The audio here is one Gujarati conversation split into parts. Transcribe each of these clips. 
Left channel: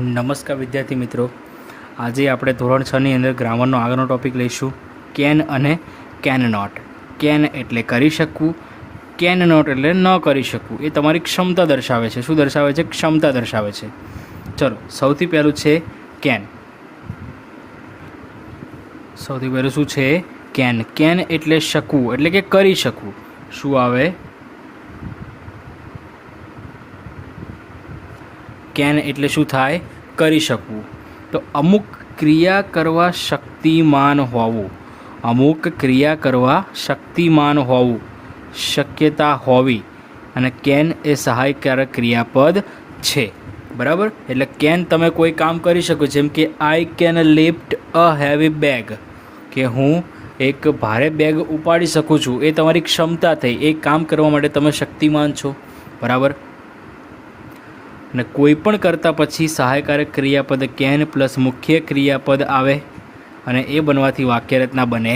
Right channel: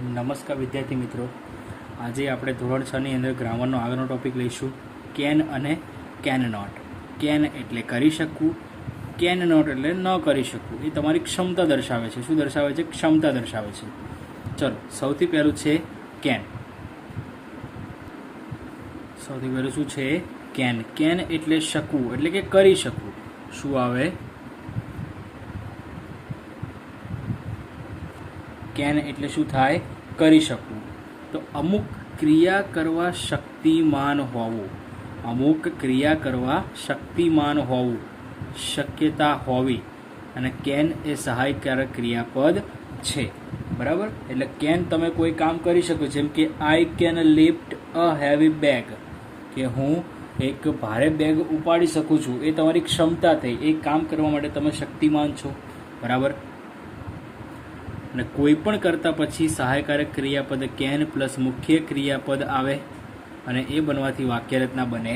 નમસ્કાર વિદ્યાર્થી મિત્રો, આજે આપણે ધોરણ 6 ની અંદર ગ્રામરનો આગળનો ટૉપિક લઈશું કેન અને કેન નોટ. કેન એટલે કરી શકવું, કેન નોટ એટલે ન કરી શકવું. એ તમારી ક્ષમતા દર્શાવે છે. શું દર્શાવે છે? ક્ષમતા દર્શાવે છે. ચલો, સૌથી પહેલું છે કેન. સૌથી પહેલું શું છે? કેન. કેન એટલે શકવું, એટલે કે કરી શકવું. શું આવે? કેન એટલે શું થાય? કરી શકવું. તો અમુક ક્રિયા કરવા શક્તિમાન હોવું, અમુક ક્રિયા કરવા શક્તિમાન હોવું, શક્યતા હોવી. અને કેન એ સહાયકારક ક્રિયાપદ છે. બરાબર? એટલે કેન તમે કોઈ કામ કરી શકો. જેમ કે I can lift a heavy bag, કે હું એક ભારે બેગ ઉપાડી શકું છું. એ તમારી ક્ષમતા થઈ. એ કામ કરવા માટે તમે શક્તિમાન છો. બરાબર? અને કોઈ પણ કરતાં પછી સહાયકારક ક્રિયાપદ કેન પ્લસ મુખ્ય ક્રિયાપદ આવે અને એ બનવાથી વાક્યરચના બને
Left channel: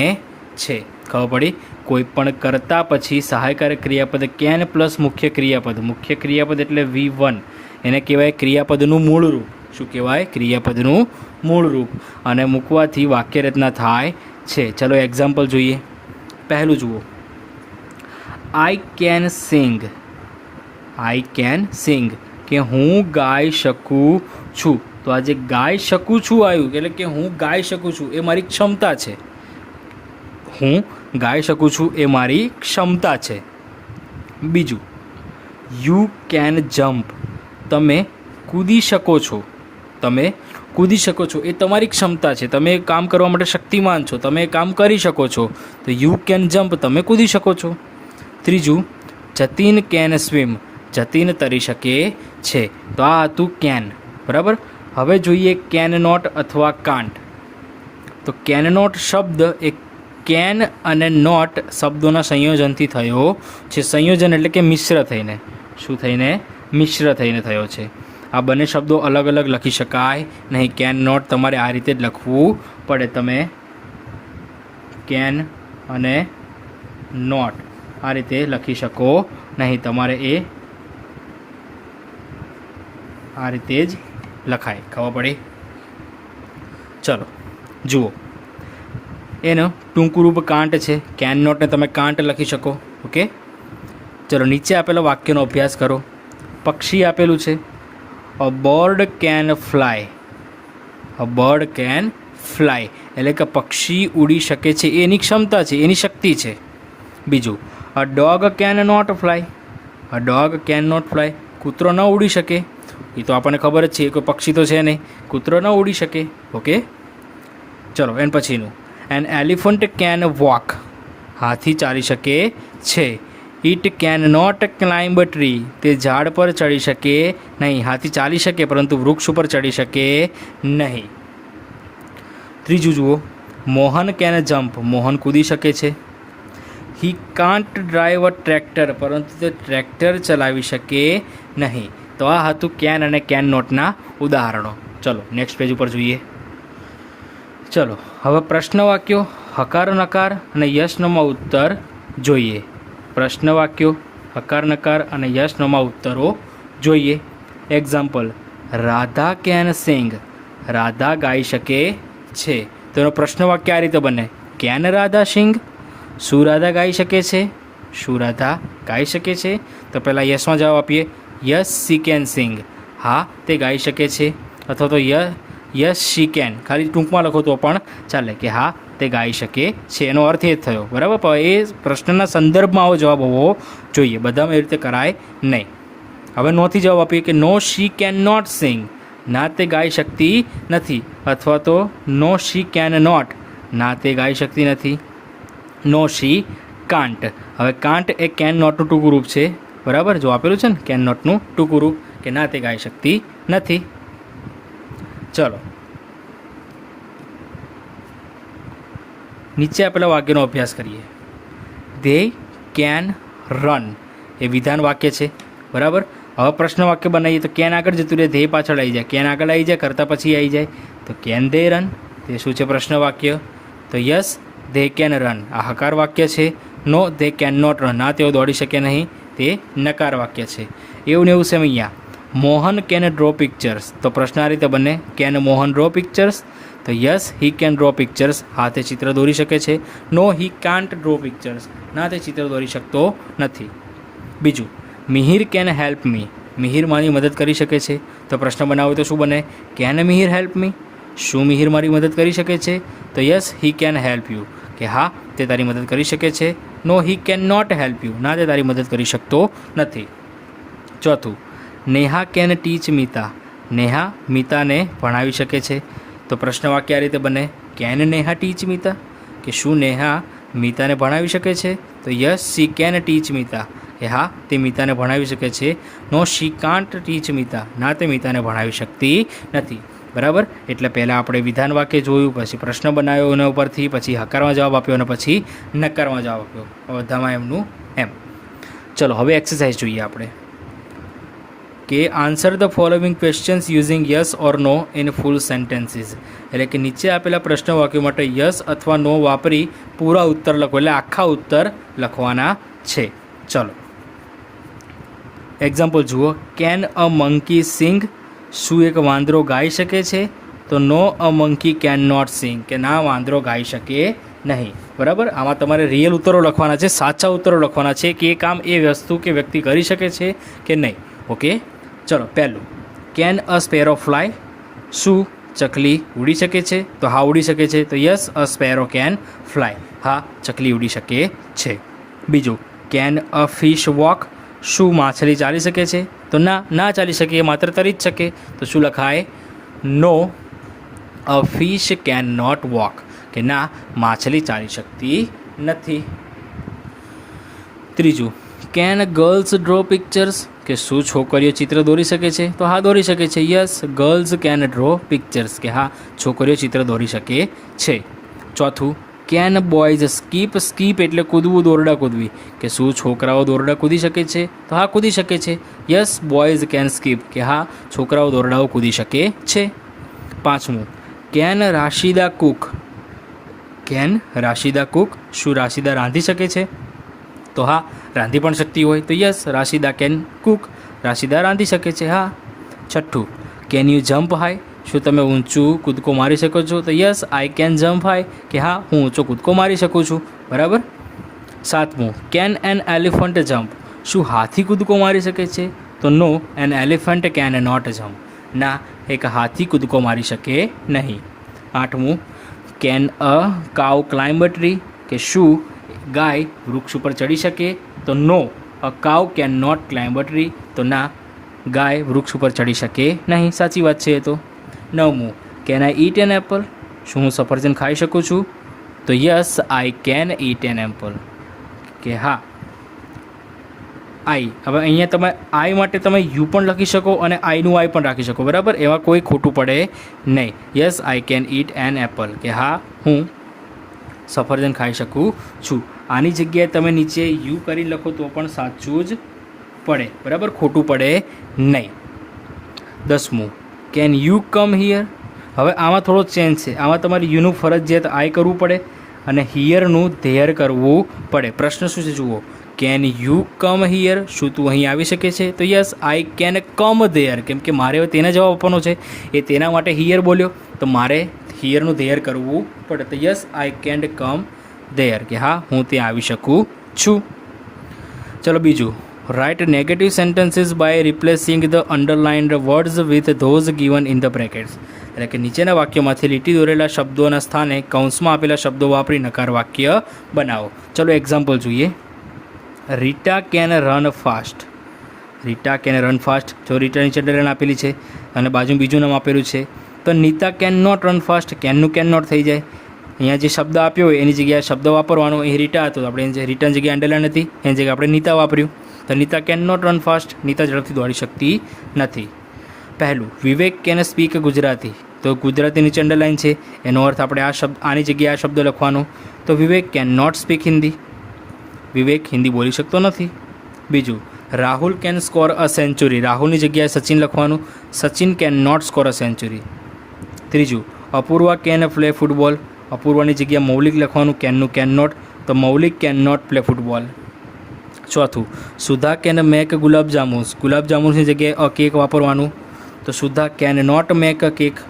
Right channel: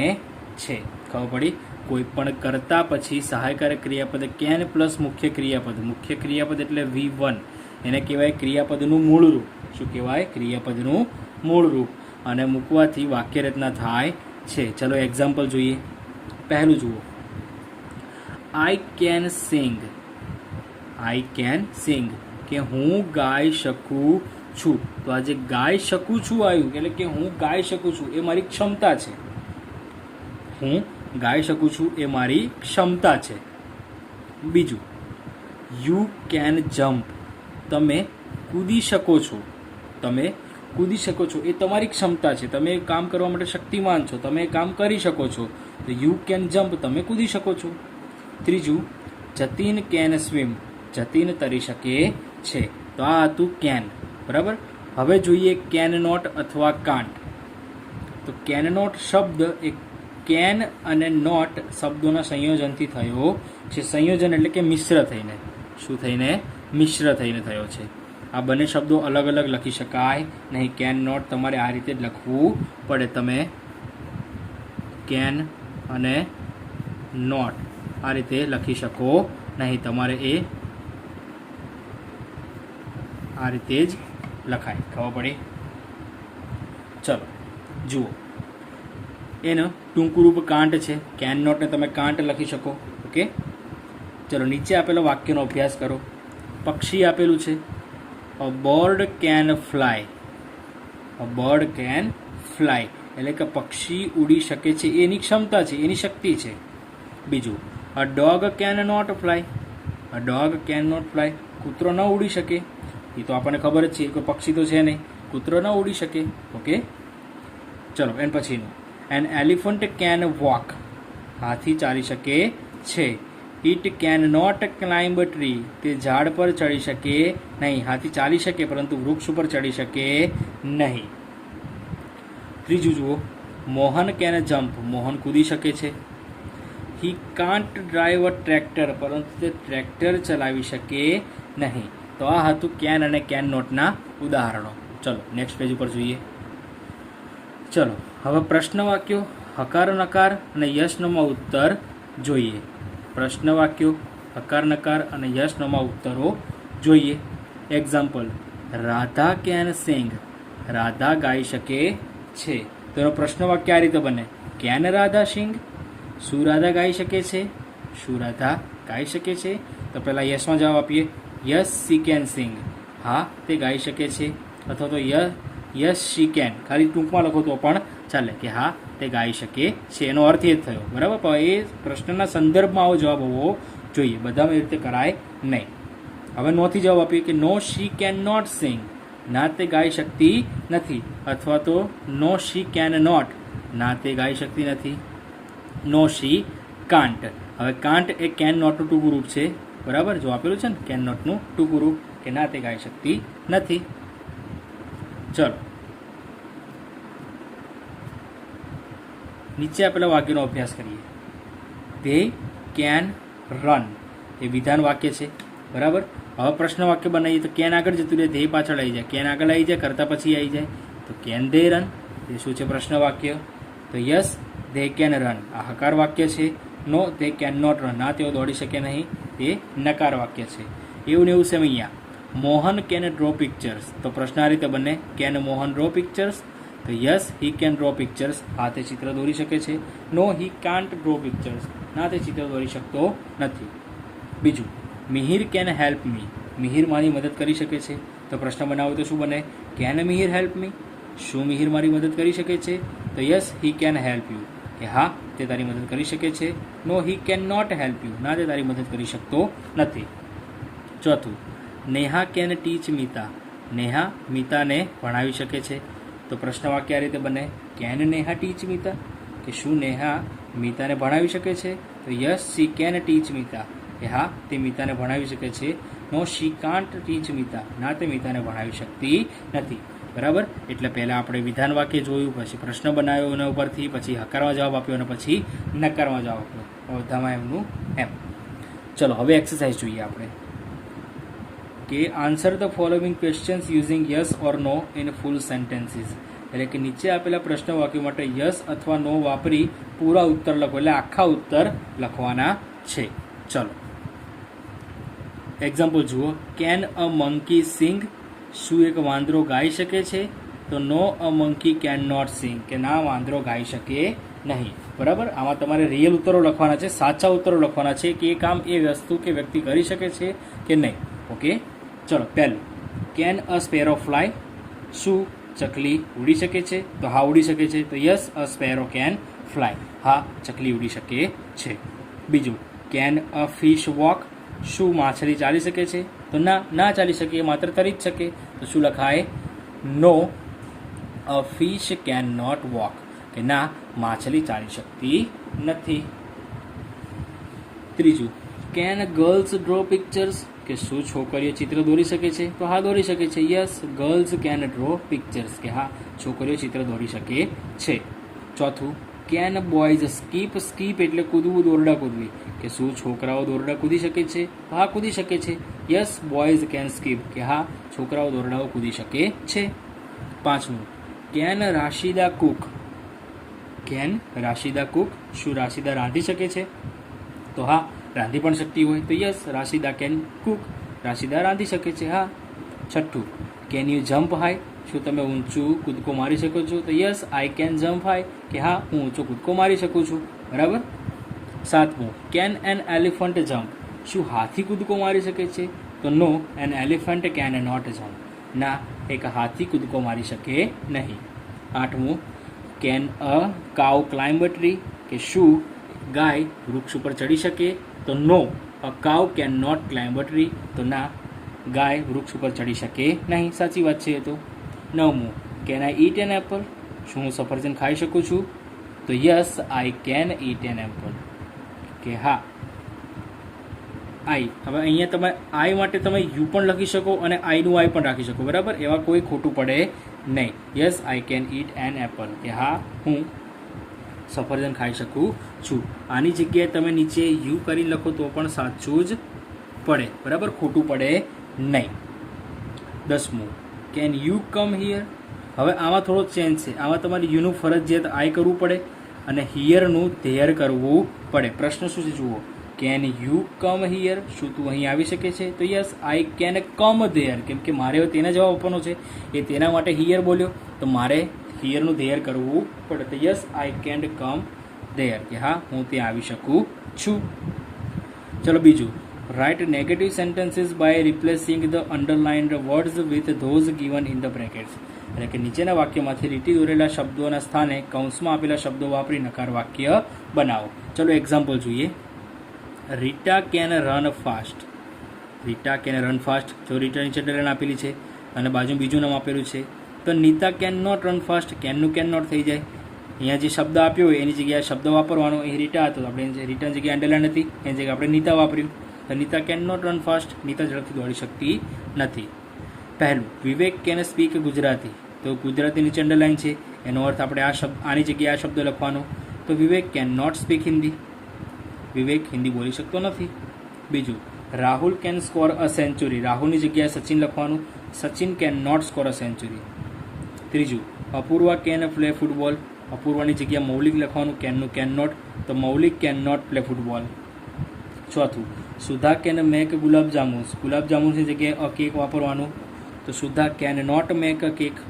છે. ખબર પડી? કોઈ પણ કરતાં પછી સહાયકારક ક્રિયાપદ કેન પ્લસ મુખ્ય ક્રિયાપદ. મુખ્ય ક્રિયાપદ એટલે V1. એને કહેવાય ક્રિયાપદનું મૂળ રૂપ. શું કહેવાય? ક્રિયાપદનું મૂળ રૂપ. અને મૂકવાથી વાક્યરચના થાય છે. ચલો એક્ઝામ્પલ જોઈએ. પહેલું જુઓ, I can sing. I can sing, કે હું ગાઈ શકું છું. તો આજે ગાઈ શકું છું આવ્યું, એટલે કે હું ગાઈ શકું છું એ મારી ક્ષમતા છે. હું ગાઈ શકું છું એ મારી ક્ષમતા છે. બીજું, યુ કેન જમ્પ. તમે કૂદી શકો છો. તમે કૂદી શકો છો એ તમારી ક્ષમતા છે. તમે કામ કરવા માટે શક્તિમાન છો. તમે કામ કરી શકો છો. તો યુ કેન જમ્પ, તમે કૂદી શકો છો. ત્રીજું, જતીન કેન સ્વિમ. જતીન તરી શકે છે. તો આ હતું કેન. બરાબર? હવે જોઈએ કેન નોટ અથવા કાન્ટ. તો કેન નોટ શબ્દ એ કેન અને નોટ શબ્દોના સંયોજનથી થયો છે. સંયોજન એટલે કે મિશ્ર થઈને. શું થઈને? મિશ્ર થઈને થયો છે. આ બંને શબ્દો અલગ અલગ લખી શકાય નહીં. કેન નોટ તમારે આ રીતે જ લખવું પડે. તમે કેન અને નોટ આ રીતે લખી શકો નહીં. તમારે એ આ રીતે જ લખાય. ખબર પડી? ચલો જુઓ, એનો ટૂંકું રૂપ કાંટ છે. કેન નોટને તમે કાંટ લખી શકો. ઓકે, ચલો નીચે આપેલા વાક્યનો અભ્યાસ કરો. પક્ષી આપેલું છે. અ bird can fly. A bird can fly એટલે કે પક્ષી ઉડી શકે છે. એની ક્ષમતા છે, એની શક્તિ છે. બીજું, a dog can not fly. A dog can not fly, કૂતરો ન ઉડી શકે. એ તો આપણને ખબર જ છે, કોઈ પક્ષી તો છે નહીં. કૂતરો ન ઉડી શકે. ઓકે, ચલો એન પછીનું, એન એલિફન્ટ કેન વોક. હાથી ચાલી શકે છે. It can not climb tree. તે ઝાડ પર ચડી શકે નહીં. હાથી ચાલી શકે પરંતુ વૃક્ષ ઉપર ચડી શકે નહીં. ત્રીજું જુઓ, મોહન કેન જમ્પ. મોહન કૂદી શકે છે. હી કાન્ટ ડ્રાઈવ અ ટ્રેક્ટર. પરંતુ તે ટ્રેક્ટર ચલાવી શકે નહીં. તો આ હતું કેન અને કેન નોટના ઉદાહરણો. ચલો નેક્સ્ટ પેજ ઉપર જોઈએ. ચલો હવે પ્રશ્ન વાક્યો, હકાર નકાર અને યસ નોમાં ઉત્તર જોઈએ. પ્રશ્ન વાક્યો, હકાર નકાર અને યસ નોમાં ઉત્તરો જોઈએ. Example, Radha can sing. Radha ગાઈ શકે છે. તો એનો પ્રશ્ન વાક્ય આ રીતે બને, કેન રાધા સિંગ. શું રાધા ગાઈ શકે છે? શું રાધા ગાઈ શકે છે? તો પહેલાં યસમાં જવાબ આપીએ. Yes she can sing. હા, તે ગાઈ શકે છે. અથવા તો યસ શી કેન, ખાલી ટૂંકમાં લખો તો પણ ચાલે, કે હા તે ગાઈ શકે છે. એનો અર્થ એ જ થયો. બરાબર? પણ એ પ્રશ્નના સંદર્ભમાં આવો જવાબ હોવો જોઈએ. બધામાં એ રીતે કરાય નહીં. હવે નોથી જવાબ આપીએ કે નો શી કેન નોટ સિંગ. ના, તે ગાઈ શકતી નથી. અથવા તો નો શી કેન નોટ. ના, તે ગાઈ શકતી નથી. નો શી કાન્ટ. હવે કાન્ટ એ કેન નોટનું ટૂંકું રૂપ છે. બરાબર? જો આપેલું છે ને કેન નોટનું ટૂંકું રૂપ, કે ના તે ગાઈ શકતી નથી. ચલો નીચે આપેલા વાક્યનો અભ્યાસ કરીએ. ધે કેન રન એ વિધાન વાક્ય છે. બરાબર? હવે પ્રશ્ન વાક્ય બનાવીએ તો કેન આગળ જતું રહે, ધે પાછળ આવી જાય. કેન આગળ આવી જાય, કરતાં પછી આવી જાય. તો કેન દે રન, તે શું છે? પ્રશ્ન વાક્ય. તો યસ ધે કેન રન આ હકાર વાક્ય છે. No they can not run, ના તેઓ દોડી શકે નહીં, તે નકાર વાક્ય છે. એવું ને એવું સેમ અહીંયા મોહન કેન ડ્રો પિક્ચર્સ, તો પ્રશ્ન આ રીતે બને, કેન મોહન ડ્રો પિક્ચર્સ? તો yes he can draw pictures, હા તે ચિત્ર દોરી શકે છે. No he can't draw pictures, ના તે ચિત્ર દોરી શકતો નથી. બીજું, Mihir can help me, Mihir મારી મદદ કરી શકે છે. તો પ્રશ્ન બનાવો તો શું બને, કેન મિહિર હેલ્પ મી, શું મિહિર મારી મદદ કરી શકે છે? તો yes he can help you, કે હા તે તારી મદદ કરી શકે છે. No he can not help you, ના તે તારી મદદ કરી શકતો નથી. ચોથું, નેહા કેન ટીચ મીતા, નેહા મીતાને ભણાવી શકે છે. તો પ્રશ્ન વાક્ય આ રીતે બને, કેન નેહા ટીચ મીતા, કે શું નેહા મીતાને ભણાવી શકે છે? તો yes she can teach Meeta, કે હા તે મીતાને ભણાવી શકે છે. નો શી કાન્ટ ટીચ મીતા, ના તે મીતાને ભણાવી શકતી નથી. બરાબર, એટલે પહેલાં આપણે વિધાન વાક્ય જોયું, પછી પ્રશ્ન બનાવ્યો એના ઉપરથી, પછી હકારમાં જવાબ આપ્યો અને પછી નકારમાં જવાબ આપ્યો, બધામાં એમનું એમ. ચલો હવે એક્સરસાઇઝ જોઈએ આપણે, કે answer the following questions using yes or no in full sentences, એટલે કે નીચે આપેલા પ્રશ્ન વાક્યો માટે યસ અથવા નો વાપરી પૂરા ઉત્તર લખો, એટલે આખા ઉત્તર લખવાના છે. ચલો એક્ઝામ્પલ જુઓ. કેન અ મંકી સિંગ, શું એક વાંદરો ગાઈ શકે છે? તો no a monkey can not sing, કે ના વાંદરો ગાઈ શકે નહીં. બરાબર, આમાં તમારે રિયલ ઉત્તરો લખવાના છે, સાચા ઉત્તરો લખવાના છે, કે એ કામ એ વસ્તુ કે વ્યક્તિ કરી શકે છે કે નહીં. ઓકે, ચલો પહેલું, કેન અ સ્પેરો ફ્લાય, શું ચકલી ઉડી શકે છે? તો હા ઉડી શકે છે. તો yes a sparrow can fly, હા ચકલી ઉડી શકે છે. બીજું, કેન અ ફિશ વોક, શું માછલી ચાલી શકે છે? તો ના, ના ચાલી શકે, એ માત્ર તરી જ શકે. તો શું લખાય? નો અ ફિશ કેન નોટ વોક, કે ના માછલી ચાલી શકતી નથી. ત્રીજું, કેન ગર્લ્સ ડ્રો પિક્ચર્સ, કે શું છોકરીઓ ચિત્ર દોરી શકે છે? તો હા દોરી શકે છે. Yes girls can draw pictures, કે હા છોકરીઓ ચિત્ર દોરી શકે છે. ચોથું, કેન બોયઝ સ્કીપ, સ્કીપ એટલે કૂદવું, દોરડા કૂદવી, કે શું છોકરાઓ દોરડા કૂદી શકે છે? તો હા કૂદી શકે છે. યસ બોયઝ કેન સ્કીપ, કે હા છોકરાઓ દોરડાઓ કૂદી શકે છે. પાંચમું, કેન રાશિદા કુક, કેન રાશિદા કુક, શું રાશિદા રાંધી શકે છે? તો હા રાંધી પણ શકતી હોય. તો યસ રાશિદા કેન કુક, રાશિદા રાંધી શકે છે. હા. છઠ્ઠું, કેન યુ જમ્પ હાઈ, શું તમે ઊંચું કૂદકો મારી શકો છો? તો yes I can jump high, કે હા હું ઊંચો કૂદકો મારી શકું છું. બરાબર. સાતમું, કેન એન એલિફન્ટ જમ્પ, શું હાથી કૂદકો મારી શકે છે? તો no an elephant can not jump, ના એક હાથી કૂદકો મારી શકે નહીં. આઠમું, can a cow climb a tree, કે શું ગાય વૃક્ષ ઉપર ચડી શકે? તો no a cow can not climb a tree, તો ના ગાય વૃક્ષ ઉપર ચડી શકે નહીં. સાચી વાત છે એ તો. નવમું, can I eat an apple, શું હું સફરજન ખાઈ શકું છું? તો yes I can eat an apple, કે હા આઈ. હવે અહીંયા તમે આઈ માટે તમે યુ પણ લખી શકો અને આઈનું આઈ પણ રાખી શકો. બરાબર, એવા કોઈ ખોટું પડે નહીં. Yes I can eat an apple, કે હા હું સફરજન ખાઈ શકું છું. આની જગ્યાએ તમે નીચે યુ કરી લખો તો પણ સાચું જ પડે. બરાબર, ખોટું પડે નહીં. 10મું, કેન યુ કમ હિયર, હવે આમાં થોડો ચેન્જ છે. આમાં તમારે યુનું ફરજિયાત આઈ કરવું પડે અને હિયરનું ધેર કરવું પડે. પ્રશ્ન શું છે જુઓ, કેન યુ કમ હિયર, શું તું અહીં આવી શકે છે? તો yes I can come there, કેમ કે મારે તેને જવાબ આપવાનો છે, એ તેના માટે હિયર બોલ્યો, તો મારે હિયરનું ધેર કરવું પડે. તો yes I can come there, કે હા હું ત્યાં આવી શકું છું. ચલો બીજું, write negative sentences by replacing the underlined words with those given in the brackets, એટલે કે નીચેના વાક્યોમાંથી લીટી દોરેલા શબ્દોના સ્થાને કૌંસમાં આપેલા શબ્દો વાપરી નકાર વાક્ય બનાવો. ચલો એક્ઝામ્પલ જોઈએ. Rita can run fast, Rita can run fast, જો રીટા નીચે અંડરલાઇન આપેલી છે અને બાજુ બીજું નામ આપેલું છે. તો Nita can not run fast, કેનનું કેન નોટ થઈ જાય. અહીંયા જે શબ્દ આપ્યો હોય એની જગ્યાએ શબ્દ વાપરવાનો. અહીં રીટા હતો તો આપણે રીટાની જગ્યાએ અંડરલાઇન હતી, એની જગ્યાએ આપણે નીતા વાપર્યું. તો Nita can not run fast, Nita ઝડપથી દોડી શકતી નથી. પહેલું, વિવેક કેન સ્પીક ગુજરાતી, તો ગુજરાતી નીચે અંડરલાઇન છે, એનો અર્થ આપણે આ શબ્દ આની જગ્યાએ આ શબ્દ લખવાનો. તો Vivek can not speak Hindi, Vivek Hindi બોલી શકતો નથી. બીજું, Rahul can score a century, રાહુલની જગ્યાએ સચિન લખવાનું, Sachin can not score a century. ત્રીજું, અપૂર્વા કેન પ્લે ફૂટબોલ, અપૂર્વાની જગ્યાએ મૌલિક લખવાનું, કેનનું કેન નોટ, તો Maulik can not play football. ચોથું, સુધા કેન મેક ગુલાબ જામુન્સ, ગુલાબ જામુન્સની જગ્યાએ અ કેક વાપરવાનું, તો Sudha can not make a cake.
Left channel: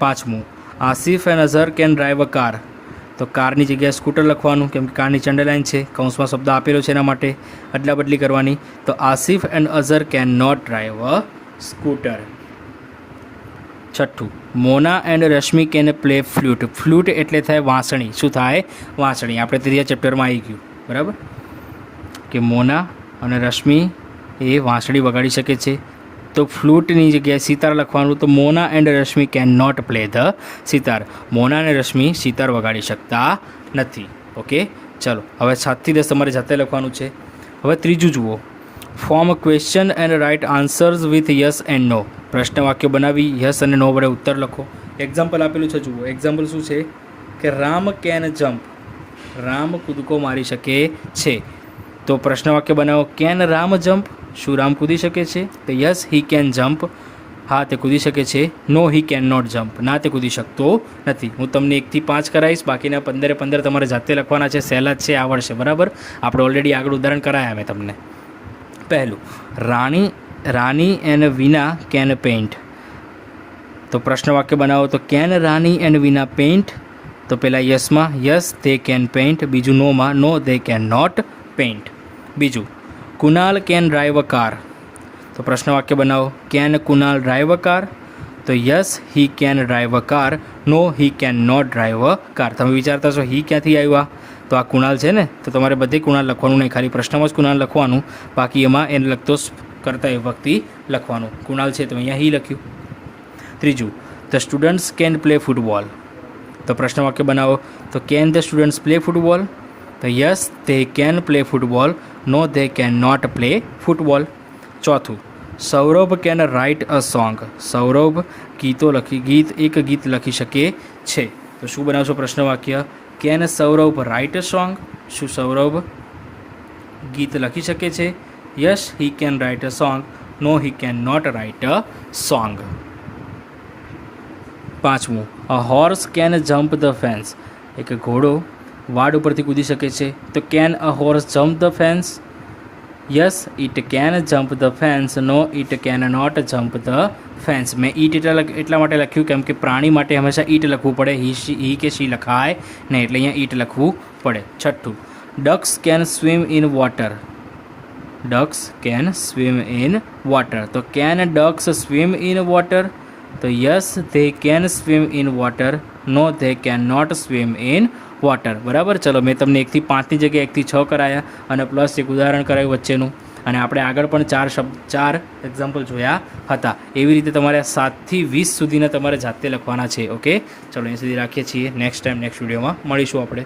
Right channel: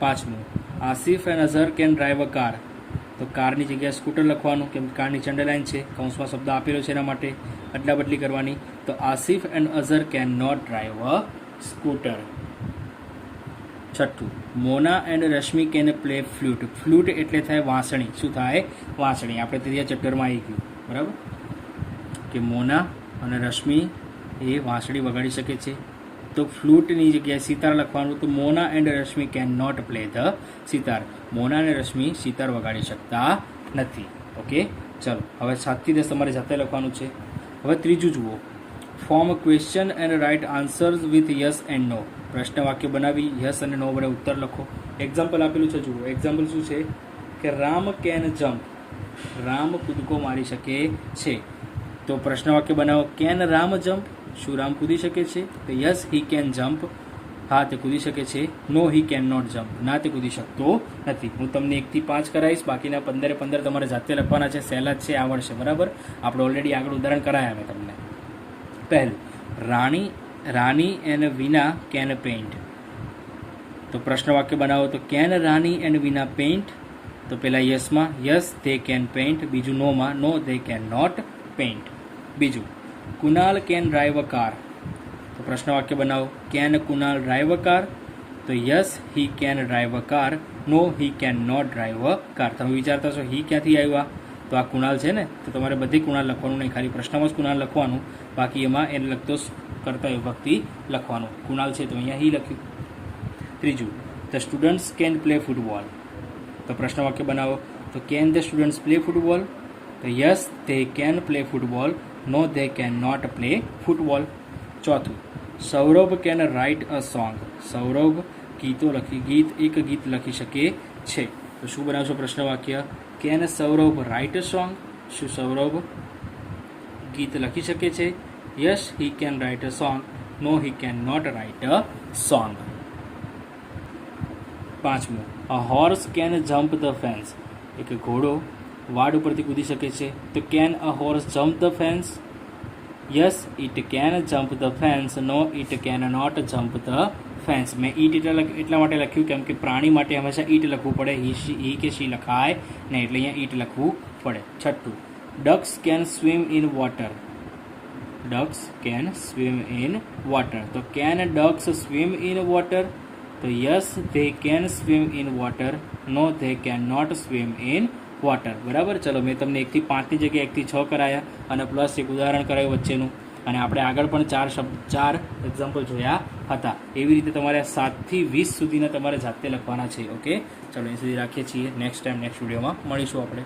પાંચમું, Asif and Azhar can drive a car, તો કારની જગ્યાએ સ્કૂટર લખવાનું, કેમ કે કારની અંડરલાઇન છે, કૌંસમાં શબ્દ આપેલો છે એના માટે અદલા બદલી કરવાની. તો Asif and Azhar can not drive a scooter. છઠ્ઠું, Mona and Rashmi can play flute, flute એટલે થાય વાંસળી. શું થાય? વાંસળી. આપણે ત્રીજા ચેપ્ટરમાં આવી ગયું, બરાબર, કે મોના અને રશ્મિ એ વાંસળી વગાડી શકે છે. તો ફ્લૂટની જગ્યાએ સિતાર લખવાનું, તો Mona and Rashmi can not play the sitar, Mona અને રશ્મિ સિતાર વગાડી શકતા નથી. ઓકે, ચલો હવે 7 થી 10 તમારે જાતે લખવાનું છે. હવે ત્રીજું જુઓ, form question and write answers with yes and no, પ્રશ્ન વાક્ય બનાવી યસ અને નો વડે ઉત્તર લખો. એક્ઝામ્પલ આપેલું છે, જુઓ એક્ઝામ્પલ શું છે કે રામ કેન જમ્પ, રામ કૂદકો મારી શકે છે. તો પ્રશ્ન વાક્ય બનાવો, કેન રામ જમ્પ, શું રામ કૂદી શકે છે? તો યસ હી કેન જમ્પ, હા તે કૂદી શકે છે. No he can not jump, ના તે કૂદી શકતો નથી. હું તમને 1 થી 5 કરાવીશ, બાકીના 15 તમારે જાતે લખવાના છે. સહેલા જ છે, આવડશે, બરાબર. આપણે ઓલરેડી આગળ ઉદાહરણ કરાયા મેં તમને. પહેલું, Rani and Vina can paint, તો પ્રશ્ન વાક્ય બનાવો, તો can Rani and Vina paint, તો પહેલાં યસમાં યસ દે કેન પેઇન્ટ, બીજું નોમાં no they can not paint. બીજું, Kunal can drive a car, તો પ્રશ્ન વાક્ય બનાવો, can Kunal drive a car, તો yes he can drive a car, no he can not drive a car. તમે વિચારતા છો હી ક્યાંથી આવ્યા? તો આ કુણાલ છે ને, તો તમારે બધે કુણાલ લખવાનું નહીં, ખાલી પ્રશ્નમાં જ કુણાલ લખવાનું, બાકી એમાં એને લગતો કરતા એ વખતે લખવાનું. કુણાલ છે તો અહીંયા હી લખ્યું. ત્રીજું, the students can play football, તો પ્રશ્ન વાક્ય બનાવો, તો can the students play football, તો yes they can play football, no they can not play football. ચોથું, Saurabh can write a song, Saurabh એક ગીત લખી શકે છે. તો શું બનાવશો પ્રશ્ન વાક્ય? Can Saurabh write a song, શું સૌરભ ગીત લખી શકે છે? Yes he can write a song, no he can not write a song. પાંચમું, a horse can jump the fence, એક ઘોડો વાડ ઉપરથી કૂદી શકે છે. તો can a horse jump the fence? Yes it can jump the fence, no it can not jump the fence. મેં ઈટ એટલા માટે લખ્યું કેમ કે પ્રાણી માટે હંમેશા ઈટ લખવું પડે, હી કે શી લખાય નહીં, એટલે અહીંયા ઈટ લખવું પડે. છઠ્ઠું, ducks can swim in water, ducks can swim in water, તો can ducks swim in water, તો yes they can swim in water, no they can not swim in water. બરાબર. ચલો મેં તમને 1 થી 5ની જગ્યાએ 1 થી 6 કરાયા અને પ્લસ એક ઉદાહરણ કરાયું વચ્ચેનું, અને આપણે આગળ પણ 4 એક્ઝામ્પલ જોયા હતા. એવી રીતે તમારે 7 થી 20 સુધીના તમારે જાતે લખવાના છે. ઓકે, ચલો એ સુધી રાખીએ છીએ. નેક્સ્ટ વિડીયોમાં મળીશું આપણે.